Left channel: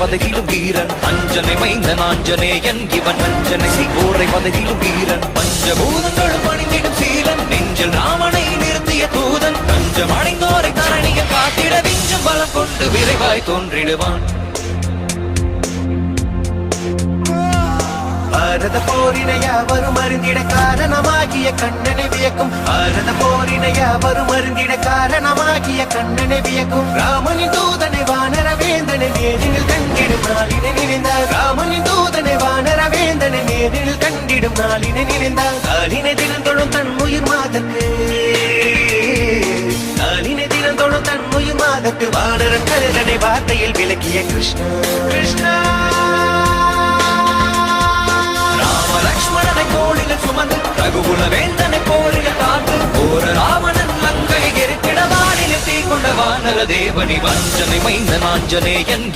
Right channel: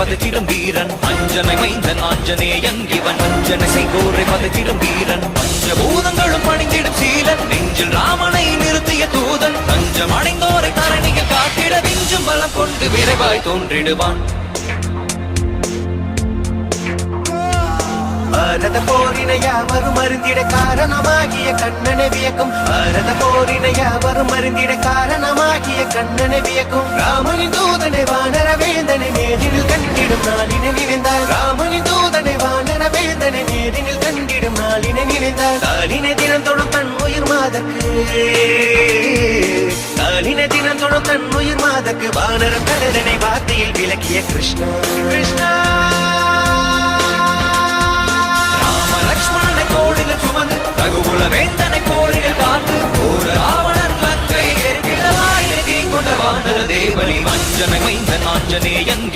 பதகிலும் வீரன் அஞ்சனை மைந்தன் ஆஞ்சநேயன் இவன் அஞ்சனை சீக்கூரை பதகிலும் வீரன் பஞ்சபூதங்களும் அணிந்திடும் சீலன் நெஞ்சில் ராமனை நிறுத்திய தூதன் பஞ்சம் அடைந்தோரை கரணியை காத்திட நெஞ்சும் பலம் கொண்டு விரைவாய் தோன்றிடுவான். பாரத போரினையா வரும் அருந்திட காரணமாகிய கண்ணனை வியக்கும் பாரத போரினையா வரும் அருந்திட காரணமாகிய கண்ணனை வியக்கும் ராமனின் தூதனை வானர வேந்தனை நேரில் கண்டிடும் நாளினை நினைந்தால் ராமனின் தூதனை வானர வேந்தனை நேரில் கண்டிடும் நாளினை நினைந்தால் காலினை தினம் தொடும் தன் உயிர் மாதக்கு காலினை தினம் தொடும் தன் உயிர் மாதக்கு வானர பேரனை வார்த்தையில் விளக்கிய கிருஷ்ணா கிருஷ்ணா லக்ஷ்மணனை கோடில சுமந்து ரகுகுல வேந்தனை கோடில பார்த்து போர ராவணன் மங்கை ஏற்கிட நாளில் தீ கொண்ட வானர தேவனி மஞ்சனை மைந்த நாஞ்சனேயன்